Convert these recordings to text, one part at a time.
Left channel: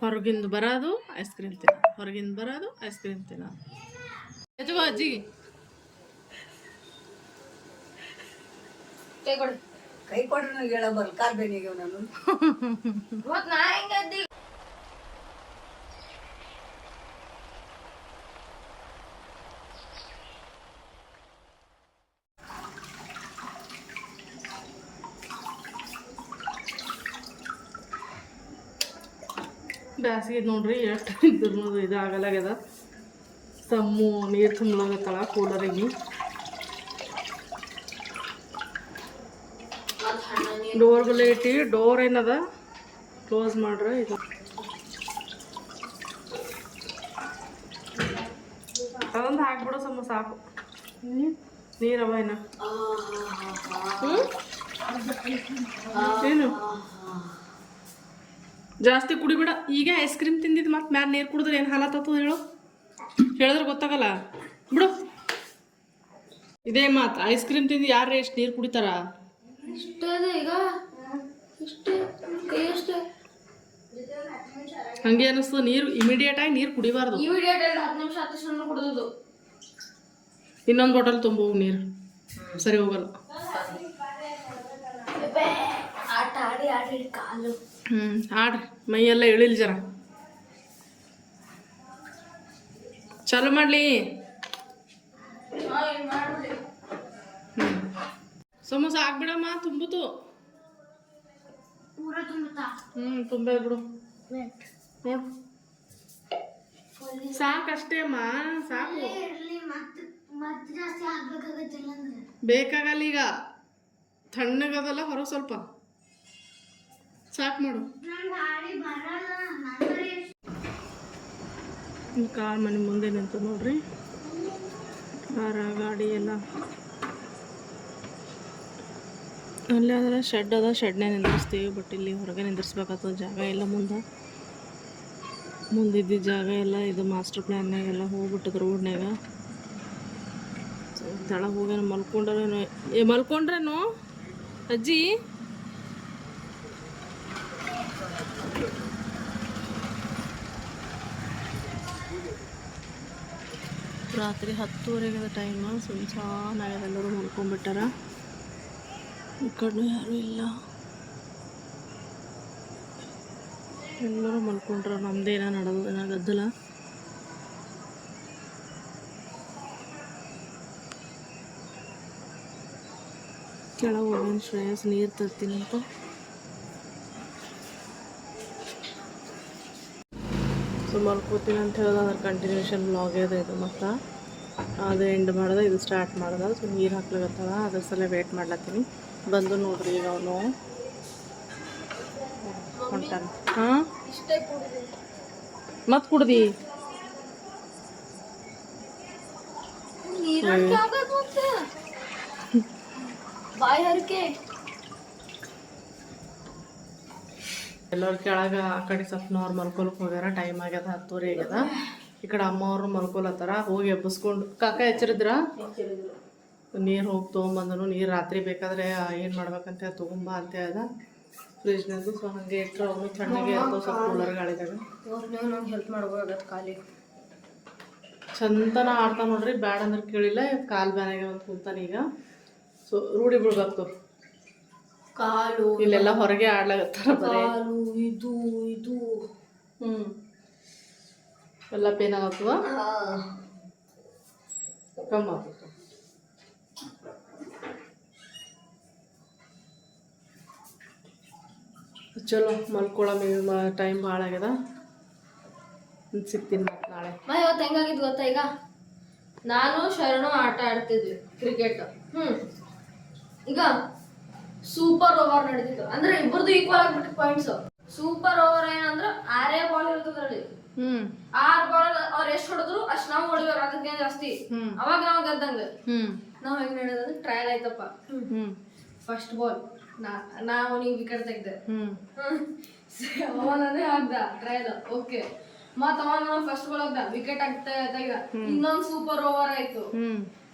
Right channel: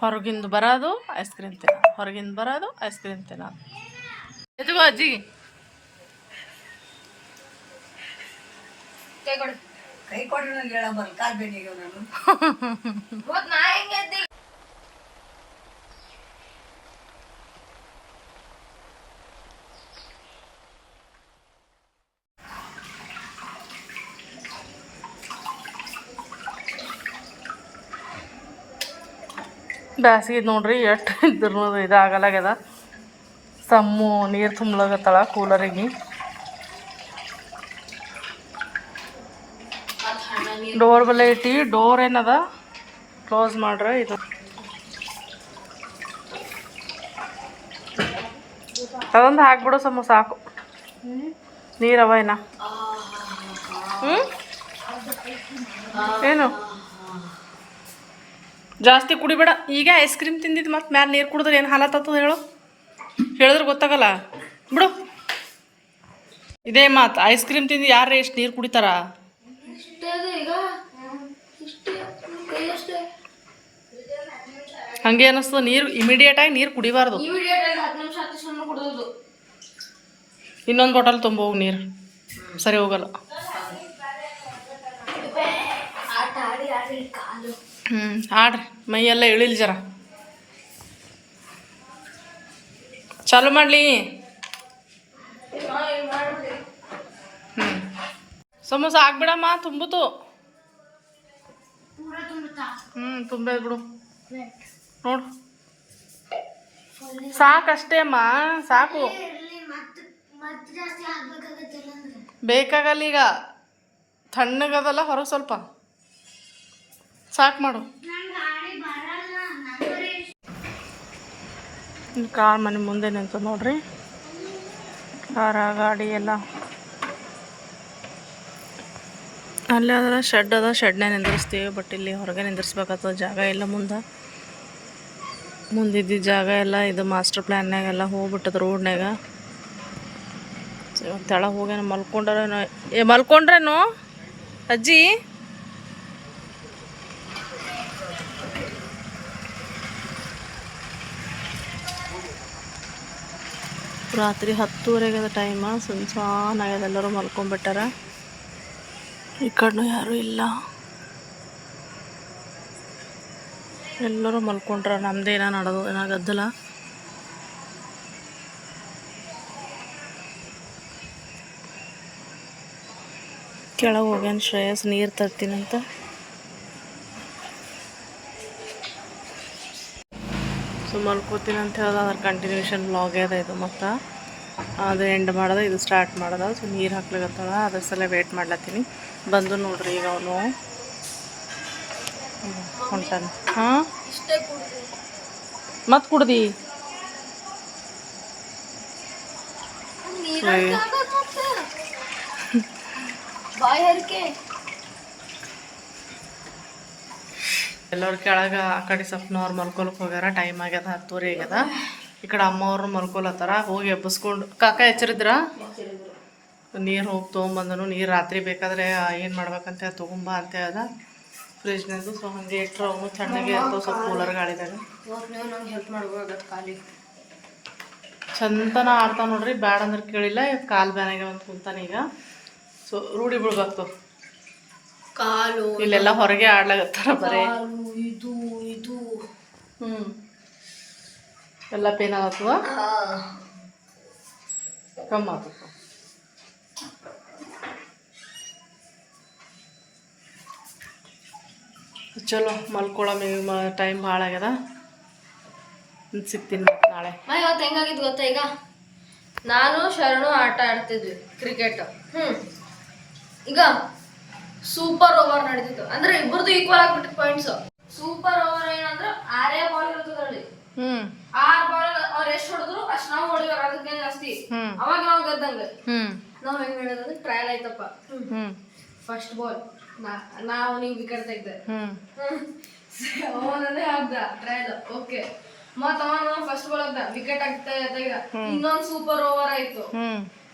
ಹೊರಗಿಂದ ಬರೋದು ice cream ತಿನ್ನ ಹೊರಗಿಂದ ಬರೋದು ಐಸ್ ಕ್ರೀಮ್ ತಿನ್ನ ಎತ್ಕೋ ಅಜ್ಜಿ ಕೈ ಕೊಡ್ರಿ ನನಗೆ ಹೇಳ ಬರಲ್ಲ ಕಾರ್ಬೇನಿಗೆ ನಾನು ಬ್ಯಾಸಿಗೆ ನೋಡ್ರಿ, ಎಷ್ಟು ಇದ್ರೂ ಇದಾಗಲಾಗ್ಯದ ಸಮ್ಮು ನೀರು ತುಂಬಲಾಗತ್ತಳ ಕೂಲರಿಗೆ. ಡೋರ್ ಬಲ್ಲ ಇಟ್ಟು ಡೋರ್ ಏನದ? ಕ್ಲೋಸ್ ಮಾಡ್ರೆ ಇದು. ಅದೊಂದು ಹಾಕ್ಬಿಡು ಸಮ ಸಾಕು. ನೀರವ ಏನ ಹ್ಞೂ ಏನು? ಜಾಸ್ತಿ ಕುಡಿಬೇಡ. ಈಗ ಐಸ್ ಕ್ರೀಮ್ ತಿಂದಿದ್ದು ಮತ್ತೆ ಮ್ಯಾಲೆ ನೀರು ಕುಡಿದ್ರೆ ಏನು ಹಾಲತ್ತದ ಹೇಳು? ಹೇಳಿದ್ರೆ ಗೊತ್ತಾಗಲ್ಲ. ಬಿಡು. ಇದೇ ಮಾತು ಐಸ್ ಕ್ರೀಮ್ ತಿಂದು ಯಾರು ಎಷ್ಟು ನೀರು ಕುಡಿತಾರ? ಹಂಗೆ ಅನ್ನಿಸ್ತದ ನೀರು ಇಮಿಡಿಯೇಟಾಗಿ ನೀರು ಕುಡಿಬಾರ್ದು. ಇನ್ನೊಂದು ಬಾಟಲ್ ತುಂಬೋಗು ನೀರು. ಸರಿ ಹೋಗಲ್ಲ ಆಟ ಆಡಿ ಆಡಿ ಕಾಲು ಹ್ಞೂ ಆಡ್ರಿ ಮೈಯೆಲ್ಲ ಇಳಿಲ್ ಜರ. ಚಾಲು ಮಾಡಲಿ. ಹ್ಞೂ ಸಮೋಸ ಆಗ್ಬಿಡಮ್ಮ ತುಂಬಿತು. ಹ್ಞೂ ತುಂಬೇ ಬಿಡು. ನೋಡು. ಸಾಕಷ್ಟೇ ಅಮ್ಮ ಸಾಕು ಬೇಕಾಗಲ್ಲ ಈಗ. ತಣ್ಣಗದಲ್ಲ ಹೊರಗೆ ಸ್ವಲ್ಪ. ಸಾಕು ಮಾಡು. ಕಾರ್ ಮನೆ ಮುಂದೆ ನಿಂತು ನೋಡ್ರಿ. ಕಾರ, ಗಾಡಿ ಎಲ್ಲ. ಅಲ್ಲೇ ಅದರ ಶೆಡ್ ಅದ ಶೆಡ್ನೇ ನಿಂದಿರಿಸ್ತೀವಿ ಬಟ್ ಇಲ್ಲಿ ಹೊರಗೆ ನಿಂದಿರ್ಸ್ಬೇಕಾಗ್ತದೆ ಜಾಗ ಇಲ್ಲ ಮುಂದೆ. ಮುಂದಿದ್ದ ಜಾಗ ಎಲ್ಲ, ಇದು ಮಾಸ್ಟರ್ ಪ್ಲ್ಯಾನ್ಯಾಗೆಲ್ಲ ಹೋಗ್ಬಿಟ್ಟದ ರೋಡ್ನಾಗ ತಳ ಹೋಗ್ಯಾನ ಮಲ್ಕೊಂಡ್ರೇನೋ. ಏ, ಮಲ್ಕೊಂಡ್ರೇನು? ಅಜ್ಜಿ? ರಾತ್ರಿ ಹತ್ತುವರೆಗೆ ಟೈಮ ಸುನ್ಸಾನ ಆಗ್ಯದ ಎಲ್ಲರೂ ಮಲ್ಕೊಂಡ್ಬಿಟ್ಟಾರ? ಈ ಕಡೆನೂ ಯಾರೂ ಇಲ್ಲ. ಎಲ್ಲರೂ ಮಲ್ಕೊಂಡ್ರ ನಮ್ದೇನ ನಡೆದು, ಏನೋ ಗದ್ದಲ. ಕೆಳಗೆ ಹೋಗ್ಯಾನ ಶ್ರೇಯಸ್, ನೀರು ತರ್ತೀನಂತ. ಸೊ ಮಲ್ಕೋತೀನಿ ಅಂತ ಹೇಳ್ದ ಅದ್ರ ಕಂಟಿನ್ಯೂಷನ್ ಬ್ಲಾಗ್ ಅದ ಇದು ಮತ್ತು. ಅದು ಎಂಡ್ ಮಾಡದ ಇದು ಸ್ಟಾರ್ಟ್ ಮಾಡೋದ. ಸೊ ನೀರು ಹಾಕ್ಲಿಕತ್ತಾಳ ಅದ್ರ ಸಲ ವೇಟ್ ಮಾಡ್ಲತ್ತೀನಿ. ಬಂದು ನೋಡ್ರಿ ಈಗ ಅವನು. ಹೊಂಟಾನ ಹಾಂ? ಮತ್ತೆ ಕುಡ್ದಿ? ಎಲ್ಲರ ಕೆಳಗೆ ಆ ಕಡೆ ಸ್ವಲ್ಪ ನಾರ್ಮಲ್ ಮಲ್ಕೊಳಕ್ಕೆ ಹೋಗ್ಯಾರ ಟೈಮ್ ಆಗ್ಯದ ಹತ್ತುವರೆ ಆಗ್ಯದ. ಈ ಕಡೆ ಅಮ್ಮವ್ರು ಮಲ್ಕೊಲತ್ತಾರ ಹೋಗಿ ಎಬ್ಬಿಸ್ಕೊಂಡು ಕಾಕ ಎಚ್ಚರಿದ್ರ? ನೀರು ಹೋಗಿ ತೊಗೊಂಬಂದನು ನೀರು ರಾತ್ರಿ ಬೇಕಾದ್ರೆ ಏನು ಮಾಡ್ಬೇಕಂತ ತೊಗೊಂಬ ಅಂತ ಅದ. ಫ್ರಿಜ್ನಾಗ ಸೊ ಹಾಗೆ ಇಟ್ರೆ ಅವನು ತಣ್ಣಗೆ ಇರ್ತಾವೆ ಸ್ವಲ್ಪ ಕೂಲರ್ ಗಾಳಿದಾಗ. ಚಂದನ ಆಡ್ತಾವ ನೋಡ್ರಿ ಬ್ಯಾಡ ಅಂದ್ರೆ ಕೇಳಿಲ್ಲ ಕಾಲು ಬ್ಯಾನಾಗೆ ಒಂದು ಕುಂತಾನ ಈಗ. ಸೊ ರೂಢಿ ಬಿಡ್ಬೇಕು ಕಾಲು ಇಲ್ಲೆಲ್ಲ ಹೊರಗೆ ಆಡ್ಲಾಗತ್ತಾರ ಬರೇ. ಇದು ಇದು. ಹ್ಞೂ ಎಲ್ಲ ಪೇನ್ ಆಗ್ತದ ಕಮ್ಮಿ ಆಗ್ತದೆ ಚಲೋ ಮಲ್ಕೊಳಮಿ ಟೈಮ್ ಭಾಳ ಆಗ್ಯದ. ಸಿಗ್ತೀನಿ ಮತ್ತೆ ನಾಳೆ. ಇವತ್ತು ಹೆಂಗಾಗಿತ್ತು ಗೊತ್ತಾ ಈಗ? ನಾನು ಶರಣು ಆಟ ಆಡ್ತಿದ್ವಿ ಕ್ರಿಕೆಟ್ ಹ್ಮ್. ಈಗ ಸೂಪರ್ ಓವರ್ ನಡೀತಿತ್ತು. ಅಂದ್ರೆ ಇಬ್ಬರದು ಈಕ್ವಲ್ ಆಗ್ಬಿಟ್ಟು ಪಾಯಿಂಟ್ಸ್ ಸೂಪರ್ ಓವರ್ ಏನಂದ್ರೆ ಆರೇ ಬಾಲ್ ಇರ್ತದೆ ಹ್ಞೂ ಆರ್ ಬಾಲ್ ಅವ್ರ ಎಷ್ಟ್ ಹೊಡೆದ್ರು ಅಷ್ಟ್ ನಾವು ಹೊಡಿಬೇಕು. ಅದಕ್ಕೆ ಜಾಸ್ತಿ. ಅವಾಗ ನಾವು ಗೆದ್ದಂಗ. ನಾವ್ ಹೆಂಗ್ ಹೇಳಿದ್ರೆ ಟ್ರಯಲ್ ಆಯ್ತಪ್ಪ. ಫಸ್ಟ್ ಬಾಲ್ ನಾವು ನೀವು ವಿಕೆಟ್ ತೆಗ್ದೆ ಹ್ಞೂ ಅವನೇ ಆಗ್ದ ಟ್ರಯಲ್ ಓಕೆ ಮತ್ತ ಅವನ ಫಸ್ಟ್ ಬಾಲ್ ಆಗ್ದ ವಿಕೆಟ್ ಆಗ್ತಾ ತೆಗ್ದ ಇನ್ನೊಂದ್ ಸೂಪರ್ ಓವರ್ ಆಯ್ತು.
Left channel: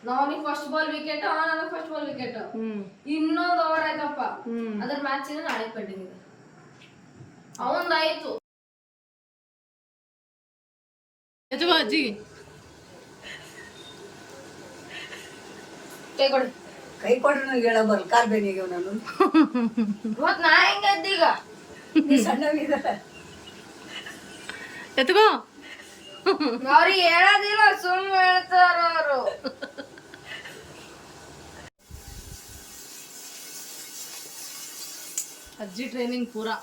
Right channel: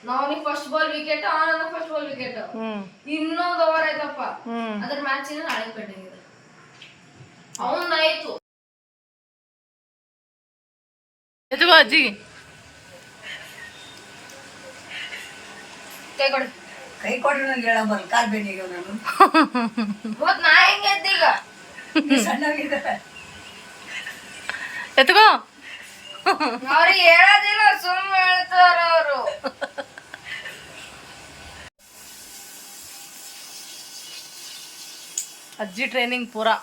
ನಾವನಿಗೆ ಫಸ್ಟ್ ಬಾಲ್ ವಿಕೆಟ್ ಅವನ ಫಸ್ಟ್ ಬಾಲ್ ವಿಕೆಟ್ ಇನ್ನೊಂದ್ ಓವರ್ ಆಯ್ತಪ್ಪ. ಅದ್ರ ಮ್ಯಾಚ್ ನಾಳೆ ಕಟ್ಟಿಂಗ್ ಅವನ್ ಆಯ್ತು. ಎತ್ಕೋ ಅಜ್ಜಿ ಕೈ ಕೊಡು ಕೈ ಕೊಡ್ರಿ ನನಗೆ ಹೇಳ ಕಾರ್ ನಾನು. ನಾ ಹೆಂಗೆ ಎದ್ದೆ ಈಗ? ಸಣ್ಣವಿದ್ದಾರೆ ಎತ್ಕೋ. ಅವ್ರಿಗೆ ಹೇಳೋದಿಲ್ಲ ಸುಮ್ ಹೇಳ್ತಾರ ಅವರು. ಅಜ್ಜಿ ಟ್ರೈನಿಂಗ್ ಪೂರಾ.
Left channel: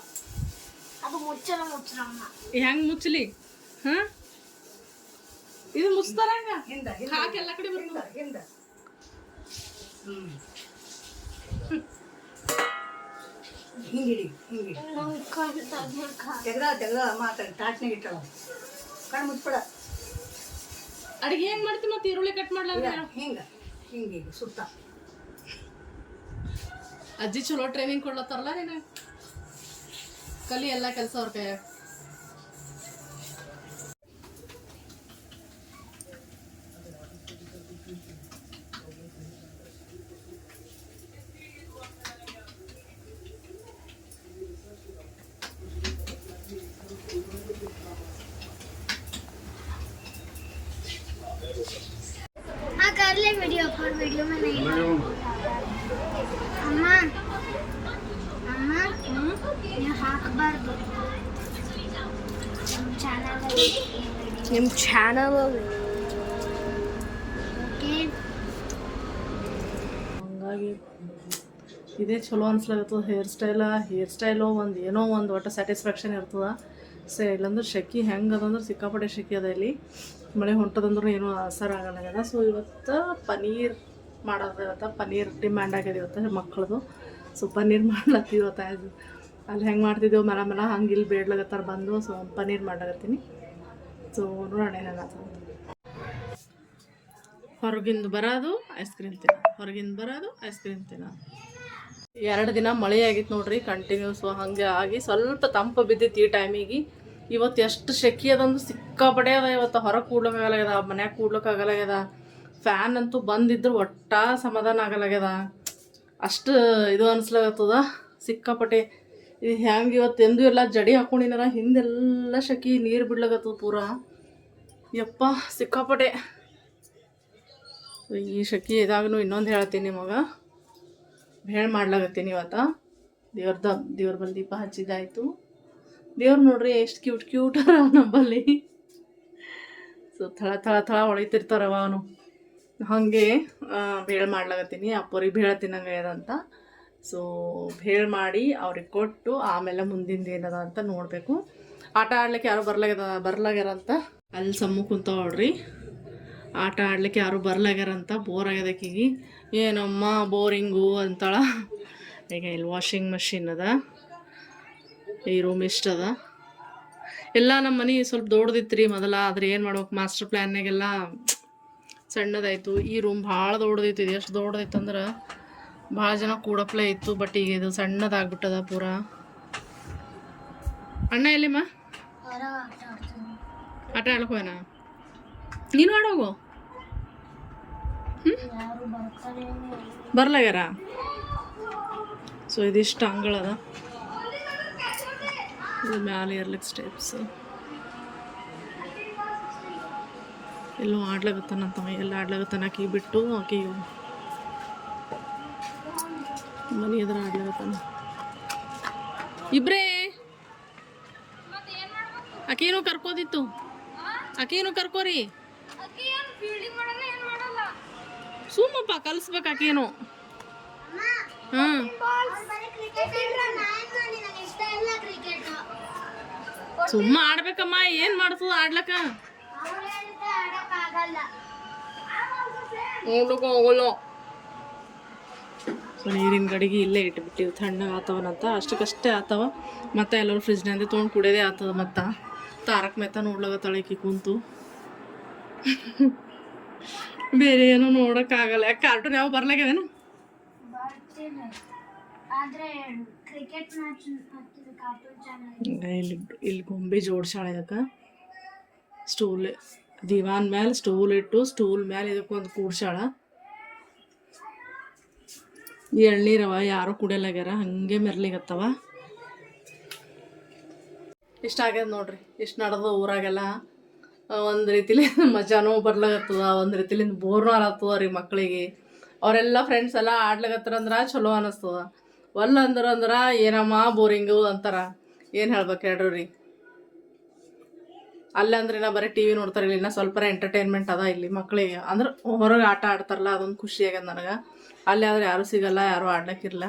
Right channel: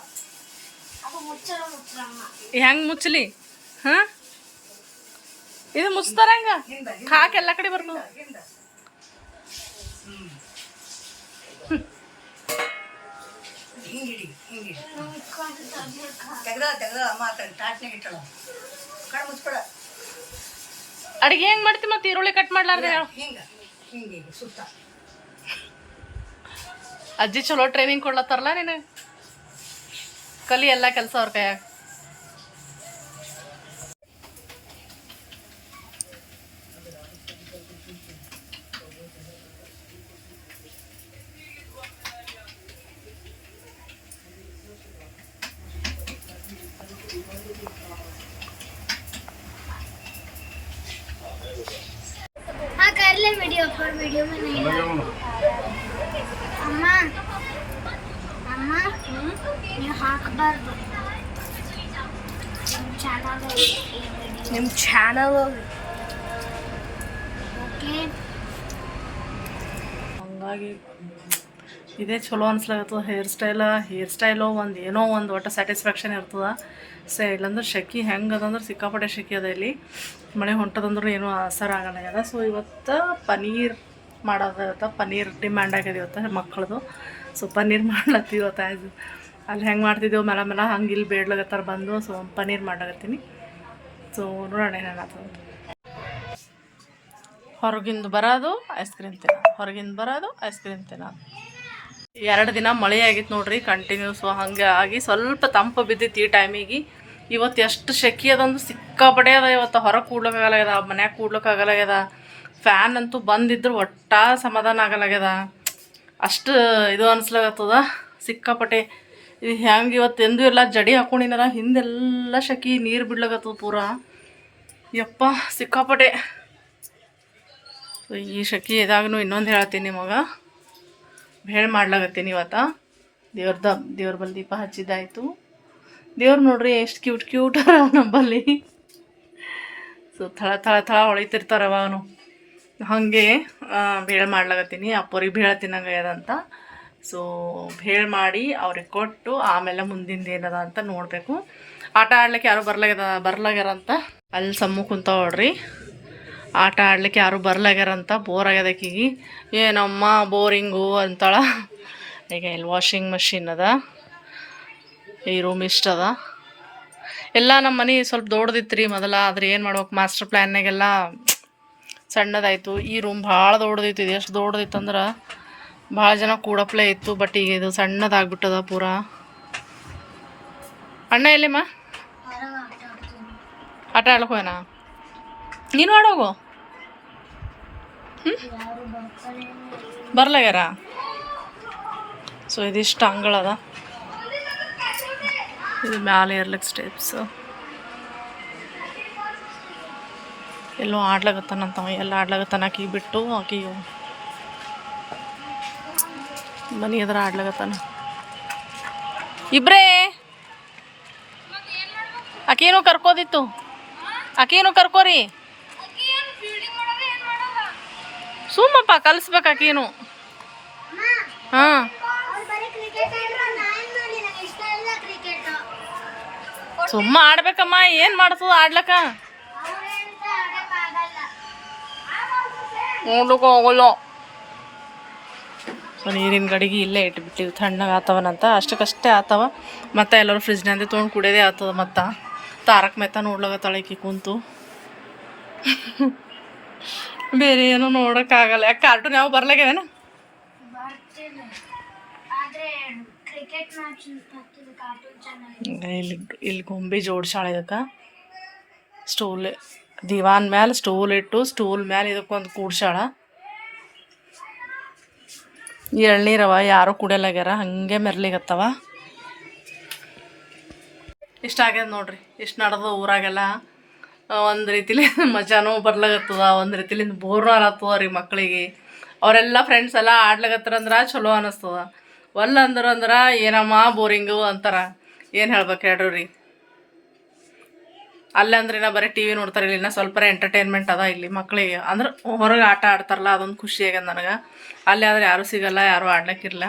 ಅದು ಮುಚ್ಚಲ ಮುಚ್ಚಲಮ್ಮ ಹೆಂಗ್ ಮುಚ್ಚಲಿ? ಹಾ? ಇದು ಮುಚ್ತಾರ ಹೆಂಗ? ಕಾಕ್ ಎಲ್ಲ ಕಡೆ ಬರ್ತಾವ. ಹಿಂದ ಹ್ಮ್ ಹಿಂಗಿಡಿ ಹಿಂಗಿಡಿ. ತೆಗ್ದ ತೆಗ್ದ ಅಮ್ಮ ತಾಟ್ನಾಗ ಇಟ್ಟಳ. ಕಣ್ಣು ಮುಚ್ಕೊಳ. ಅಡಿಗೆ ಹೆಂಗ್ ಮಾಡ್ತಿ ಮತ್ತೆ ಈರುಳ್ಳಿ ಕಟ್ ಮಾಡ್ಲಾರ್ದೆ ಹೇಳು. ಹಿಂಗ ಹಿಂಗೆ ಸುತ್ತ. ಅಜ್ಜಿ ಚಲೋ ಟ್ರೈನಿಂಗ್ ಕೊಡ್ಲತ್ತಾರಲ್ಲ ನೀನು? ಕಲಿ ಎಲ್ಲ ಕೆಲಸ ಅವ್ರ ಕೈಯಾಗ. वीडियो पर वीडियो में नहीं ಅಮ್ಮ ಅಮ್ಮ ನೀವು ಹಾಕಬಾರ್ದು ನಿಮ್ಮ ಚಾನಲ್ ನಿಮ್ಮ ಚಾನಲ್ ಓಕೆ ಹಂಗಾಗಿ ಇದೇ ಚಲೋ ಅನ್ಸ್ಲಾಗತ್ತದ ಹೇರ್ ಸ್ಟೈಲ ಹೇರ್ ಸ್ಟೈಲು ಒಂದು ಏನೋ ಒಂದು ಒಟ್ಟು ಸ್ಯಾಟಿಸ್ಫ್ಯಾಕ್ಷನ್ ಇರ್ತದ. ಸೊ ಇಲ್ಲಂದ್ರೆ ಶೆಕಿ ಹೆಂಗೆ ಅದಂದ್ರೆ ಸಿಕ್ಕಾಪಟ್ಟೆ ಶೆಕಿ ಅದ ಇಲ್ಲಿ. ಮಳೆ ಹೊಂಟದಂದ್ರೂ ಏನೂ ಅಸರ ಆಗಲ್ಲ ಸೊ ಇವತ್ತು ಪನೀರ್ ಮಾಡೋದ ಪನೀರ್ ಡಿಮ್ಯಾಂಡ್ ಆಗ್ಯದ ಇವತ್ತು ಮಕ್ಕಳದು. ಸೊ ಪನೀರ್ ಮಾಡ್ಲತ್ತೀವಿ ಇವತ್ತು ಆ್ಯಸ್ ಅಲ್ಲಿ ಹೆಂಗೆ ಮಾಡ್ತಿದ್ದೆವು ಮೇಲೆ ಮೇಲೆ ಹಂಗೆ ಇಲ್ಲಿ ಬೇಡ್ಲಾಗತ್ತಾರ ಬಂದು. ಸೊ ಪನೀರ್ ಮಾಡಾಕತ್ತೀನಿ ಸೊ ನೋಡೋಣ ಏನಾಗ್ತದೆ ಹೊರಗಿಂದ ಬರೋದು ಐಸ್ ಕ್ರೀಮ್ ತಿನ್ನ ಹೊರಗಿಂದ ಬರೋದು ಐಸ್ ಕ್ರೀಮ್ ತಿನ್ನ ಎರಡು ದಿನ ಮಳೆ ಆಗಿತ್ತು ನೋಡ್ರಿ ಕಂಟಿನ್ಯೂಸ್ ಹಂಗೆ ಆಗಿ ಸ್ವಲ್ಪ ತಂಪು ಬಿದ್ದಿತ್ತು ಈ ಟೈಮಿಗೆ ಇವತ್ತು ಎಷ್ಟು ಶೆಕಿ ಅದಂದ್ರೆ ಸಿಕ್ಕಾಪಡೆ ಅದ ಇವತ್ತು. ಹೊರಗೆ ಕೂಡ್ಲಕ್ಕಾಗಲಾಗ್ಯದ ಮನ್ಯಾಗ ಕೂಡ್ಲಕ್ಕಾಗಲಾಗ್ಯದ ಫ್ಯಾನ್ ಅಂತೂ ಬಂದಿದ್ರು, ಒಟ್ಟ ಸಮಾಧಾನ ಆಗಲಾಗ್ಯದ ಅಷ್ಟು ಇದು ಅನ್ಸ್ಲಾಗತ್ತದ ಸಿಕ್ಕಾಪಟ್ಟೆ. ಇದು ಹೆಂಗೆ ಇವತ್ತು ಎಂದೂ ಎಲ್ಲ ಜಡಿ ಹಾಕೊಂಡಿನಾರ, ಹಿಂದೆಲ್ಲ ಶಕಿ ನೀರು ಬಿಡ್ಲಾಗತ್ತದ ಪೂರ. ಯಪ್ಪ, ಸಿಕ್ಕಾಪಟ್ಟೆ. ಈ ಶಕಿ ಇದಾಗೂ ಇನ್ನೊಂದು ಹೇಳ್ತೀನಿ ನಿಮಗೆ ಹೇಳಿ ಮಾಡ್ಲಾಗತ್ತೀನಿ ಇವತ್ತು ದೇವ್ರದ, ದೇವ್ರ ಬಲ್ಲಿ ದೀಪ ಹಚ್ಚಿದ್ದಾಯಿತು. ದೇವ್ರು ನೋಡ್ರಿ ಎಷ್ಟು ಕ್ಯೂಟ್ ಕ್ಯೂಟ್ ನಮ್ಮಲ್ಲಿ. ಸೊ ಥಳ ಥಳ ಥಳ ಹೊಳಿತಿರ್ತಾರವ ಅವನು. ಹಾಗೆ ಬೇಳೆ ಮಾಡ್ಲಾಗತ್ತೀನಿ. ಅಪ್ಪರಿಗೆ ಬೇಳೆ ಅಂತ. ಸೊ ಬೇಳೆ ಮಾಡಿ ಅವ್ರಿಗೆ ಕೊಟ್ಟು ಆಮೇಲೆ ಮುಂದಿಂದು ಏನದ ಅಂತ ನೋಡಬೇಕು. ಆಟ ಆಡ್ಲಿಕ್ಕೆ ಯಾರು ಬರ್ಲಾಗ್ಯದ, ಬರ್ಲಾಗ್ಯಾರ ಅಂತ. ಅಲ್ಲಿ ಸಮ್ಮು ಕುಂತ ನೋಡ್ರಿ. ಆಟ ಆಡ್ಲಿಕ್ಕೆ ಯಾರು ಬರ್ಲಾಗ್ಯಾರಂತ ಬೋರ್ ಆಗ್ಯದಕ್ಕಿಗಿ ಏನಮ್ಮ ಬೋರಿಂಗು ಅಂತಾಳ. ಈಗ ಇಲ್ಲಿ ವಾಷಿಂಗ್ ಮಷಿನ್ ಅದ. ಈ ರೂಮ್ ಇಷ್ಟ ಅದ. ಎಲ್ಲ ನಮ್ಮ ಮನೆ ಸ್ವಲ್ಪ ದೊಡ್ಡದಿತ್ತು ರೀ ಮೊದಲ ಆದ್ರೆ ಏನು ಮಾಡ್ಬೇಕು ಮಾಸ್ಟರ್ ಪ್ಲ್ಯಾನ್ನಾಗೆಲ್ಲ ಸಣ್ಣದಾಯಿತು. ಈ ರೂಮ್ ಭಾಳ ದೊಡ್ಡದಿತ್ತು ಇದು ಎಷ್ಟು ದೊಡ್ಡದಿತ್ತು ಅಂದ್ರೆ ಭಾಳ ಜನ ಕೂಡಪ್ಲೆ ಇತ್ತು ಬಟ್ ಈಗ ಇದು ಸಣ್ಣದಾಗ್ಬಿಟ್ಟದ ಪೂರ. ಅಣ್ಣ ಎಲ್ಲಿಮ್ಮ? ಆಟ ಹೋಗೋಣ ನೀನು ಆಡೋಗು? ಬರ್ಲಾಗ್ಯಾರ? ಸೊ ಇದಿಷ್ಟು ಅಂಗಳದ ಇದು ಮ್ಯಾಲೆ ಇರ್ಲಿಕ್ಕೆ ಸ್ಟೆಪ್ಸು ಎಲ್ಲೋ ಆಡ್ಲಾಗತ್ತಾನಂತವ ಎಲ್ಲ ಆಡ್ಲಾಗತ್ತಾನ ಆಕಿಗೆ ಬಿಟ್ಟು ಆಕಿಗೆ ಮನೆ ಎದುರು ಆಡ್ಲಾಗತ್ತಾನ. ಇಬ್ರೇ! ಆಕೇನು ಕರ್ಕೋದಿತ್ತು? ಆಕೇನು ಕರ್ಕೋರಿ ಸುಮ್ಮಪ್ಪ ಕಲಿಸ್ಬೇಕು ಆಕೇನು ಹಾಂ ಅವ್ರು ಬರೀ ಕ್ರಿಕೆಟ್ ನಾನು ನೋಡಿ ನನಗೆ ಇಷ್ಟ ಇಲ್ಲ ಕ್ರಿಕೆಟ್ ಸುಮ್ಮ ಆಡ್ಬೇಕಮ್ಮ, ಏನು ಮಾಡ್ತದ ಹೋಗಲ್ಲ. ಸೊ, ನೀರಿನ ಗಡಿಗೆ ಇಲ್ಲೇ ಇಟ್ಬಿಟ್ಟಿವಿ, ತಣ್ಣಗೆ ಆತವನಂತ ಅಷ್ಟಕ್ಕಷ್ಟೇ ಆತವ. ಮತ್ತೆ ಎಲ್ಲರೂ ಫ್ರಿಜ್ನಾಂದೆ ತೊಗೊಂಡು ಕುಡಿಯೋದೇ ಆತದ ಮತ್ತು. ತಾರಕ್ ಮೆತ್ತ ನೋಡ್ಲಾಗತ್ತಾಳೆ ಈಕಿ ಕುಂತು. ಬೇರೆ ಏನೂ ನೋಡೋಕ್ಕಾಗಲ್ಲ ಯಾಕೆ ಕಾರ್ಟೂನ್ ಯಾವ ಬರ್ಲಾಗ್ಯಾವೇನ ಇಲ್ಲಿ ಇಲ್ಲಿ ಗೊಂಬೆ ಜೋಡ್ಸಾಳ ಇದಕ್ಕೆ. ಸ್ಟೂಲ್ ದಿವಾನ್ ಮ್ಯಾಲ ಸ್ಟೂಲ್ ಇಟ್ಟು ಸ್ಟೂಲ್ ಮ್ಯಾಲೆ ಇದಕ್ಕೊಂದು ಕೂಡ್ಸಾಳ ಎಳ್ನೀರವ ಯಾರು ಕುಡಿಯಲಾಗ್ಯಾರ. ಹಂಗೆ ಮೆರ್ಲಿಗತ್ತವ. ಇಷ್ಟ ಆಗ್ಯದ ನೋಡ್ರಿ. ಇಷ್ಟು ನಡೆದು ಊರಾಗೆಲ್ಲ. ಒಂದು ರೀತಿಲಿ ಮಜಾನೂ ಬರ್ಲಾಗತ್ತದ, ಒಂದು ರೀತಿಲಿಂದ ಬೋರ್ನೂ ಅನ್ನತ್ತದ ರೀ ಮಕ್ಕಳಿಗೆ ಅವರೆಲ್ಲ ಫ್ರೆಂಡ್ಸ್ ಎಲ್ಲ ಆಡ್ಲಾಗತ್ತಾರಂದ್ರೆ ಚಲೋ ಅನ್ನಿಸ್ತದ ಒಲ್ಲ ಅಂದ್ರೆ ಅಂದ್ರೆ ಏನಮ್ಮ ಬೋರಿಂಗು ಅಂತಾರ. ಏನು ಹೇಳ್ಬೇಕು ಹೇಳ್ರಿ ರೀ ಅಲ್ಲಂದ್ರೆ ನಾ ಬರೀ ಟಿ ವಿ ನೋಡ್ತಾರೆ ಇಲ್ಲಿ ಸ್ವಲ್ಪ ಎಂಟರ್ಟೈನ್ಮೆಂಟ್ ಅದ ಇಲ್ಲಿ ಮಕ್ಕಳಿಗೆ ಅಂದ್ರೆ ಹೊರಗೆ ಆಟ ಆಡ್ತಾರಲ್ಲ, ಅದೊಂದು ಖುಷಿ ಆಗ್ಯದ ನನಗೆ. ಅಲ್ಲಿ ಆದ್ರೆ ಯಾರೂ ಸಿಗಲ್ಲ, ಯಾರೂ ಆಡ್ಲಿಕ್ಕಿರಲ್ಲ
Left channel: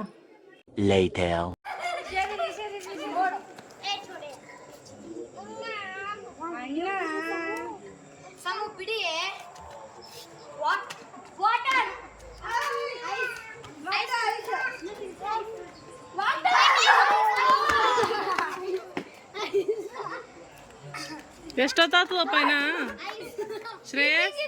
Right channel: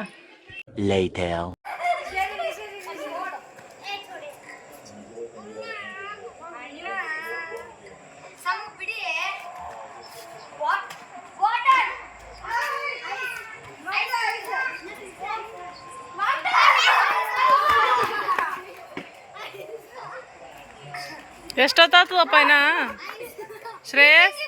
ಎಷ್ಟೊತ್ತಾತದಪ್ಪ ಇನ್ನ ಶ್ರೇಯಸ್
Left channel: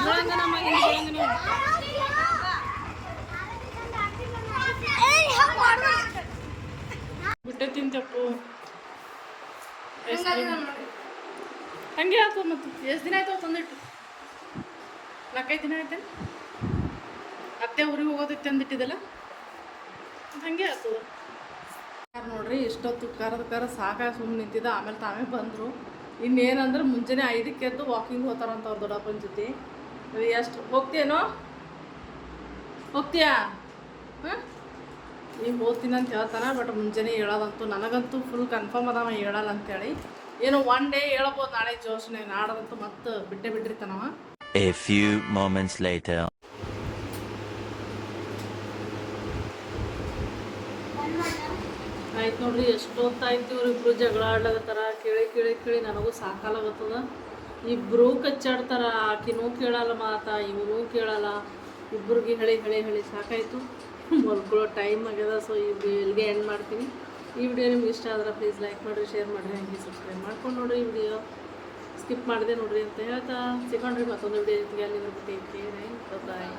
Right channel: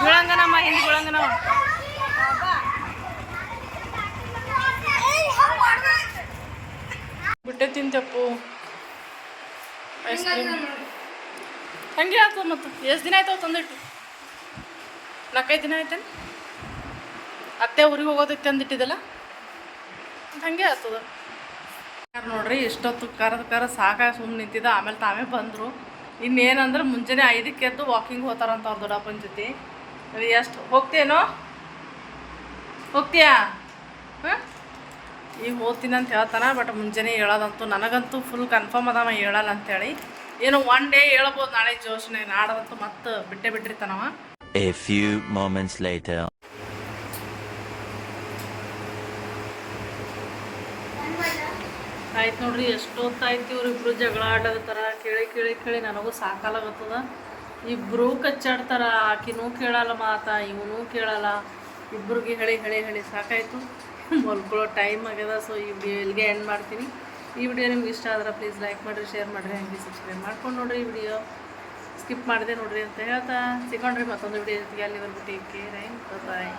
ಬೀಳಂಗನಮ್ಮ ಹಿಂದಿ ಬೀಳಂಗನವ ಬಿಟ್ಟೆ ತಿಂತಪ್ಪು ಐಸ್ ಕ್ರೀಮ್ ಹಂಗೆ ಆಯ್ತು ಮತ್ತು ಎಷ್ಟು ದಿನ ಆಯ್ತಾವ ತಂದಿಟ್ಟು? ನಾಲ್ಕೈದು ದಿನ ಆಯ್ತೇನು? ಅತ್ತೆ ಊರಿಗೆ ಹೋಗೋದಕ್ಕೆ ತಂದಿಟ್ಟಿದ್ದಲ್ಲ? ಹಂಗೆ ಆಗ್ತದ ಯಾರು ನೋಡ್ರಿ, ಇಷ್ಟೊತ್ತು ಕರದ ಕರ ಸಾಕ ಸುಮ್ಮನೆ ನಿಂತಿದ್ದ. ಆಮೇಲೆ ತಾವೇ ಬಂದರು. ಇನ್ನೇನಂದ್ರೆ ಮುಂಜಾನೆ ಐದಕ್ಕೆ ಎದ್ದು ವಾಕಿಂಗ್ ಹೋಗ್ತಾರಂತ ಅವ್ರ ದೊಡ್ಡಪ್ಪನ ಜೊತೆ. ಎಷ್ಟು ಹೋಗ್ತೇನೋ ಹೋಗ್ತೀಯಾ? ಹಾಂ ಈಗ ಓದ್ತೀನಿ ಅಂತ ಹೇಳ್ತಾನೆ ಬಟ್ ಮುಂಜಾನೆ ಹೇಳೋದಂತೂ ನನಗಂತೂ ಫುಲ್ ಕನ್ಫರ್ಮ್ ಅದಾವ ಹೇಳಲ್ಲ ಅಂತೇಳಿ. ಏನೋ ಒನ್ ಡೇ ಹೇಳ್ಬೋದು ನಾಳೆ ಜೋಶನೆ ನಾಡದಂತೂ ಮತ್ತೆ ಬಿಟ್ಟೆ ಬಿಟ್ಟಿರ್ತಾನವ. A few moments later. ಆಯ್ತು ನೋಡ್ರಿ ಎಷ್ಟೊತ್ತಾಯ್ತು ಇವ್ರಿಬ್ರು ಜಗಳ ಆಡಕತ್ತಾರ ಕೇಳಿ ಕೇಳಿ ಕೇಳಿ ನನಗೂ ಸಾಕಾಲಾಗತ್ತದ. ಇಬ್ಬರು ಕಚ್ಚಾಡ್ತಾರ ಆಕಿನೂ ಕೇಳಲ್ಲ ಮಾತಾ ಇವನೂ ಕೇಳಲ್ಲ. ಇಬ್ರಿಗೆ ಹೇಳಿ ಹೇಳಿ ಹೇಳಿ ಸಾಕಾಯ್ತು. ಮಲ್ಕೊಳ್ಳೋ ಟೈಮ್ ಆಗ್ಯದ ಸೊ ಈ ವಿಡಿಯೋ ಇಲ್ಲಿಗೆ ಎಂಡ್ ಮಾಡ್ತೀನಿ. ಈ ವಿಡಿಯೋ ನಿಮ್ಗೆ ಇಷ್ಟ ಆದ್ರೆ ಪ್ಲೀಸ್ ಲೈಕ್ ಮಾಡಿರಿ ಶೇರ್ ಮಾಡಿರಿ, ಹಂಗೆ ಸಬ್ಸ್ಕ್ರೈಬ್ ಮಾಡ್ಕೊಂಡು ನೋಡಿರಿ ಈ ವಿಡಿಯೋ ಸ್ಕಿಪ್ ಮಾಡಿದೆ ನೋಡಿರಿ ಅಂತ ಹೇಳ್ತಾ ಸಿಗೊಂಡ್ರಿ ಮತ್ತೊಂದು ವಿಡಿಯೋ ಜೊತೆಗೆ, ಅಲ್ಲಿವರೆಗೂ ಟೇಕ್ ಕೇರ್ ಬಾಯ್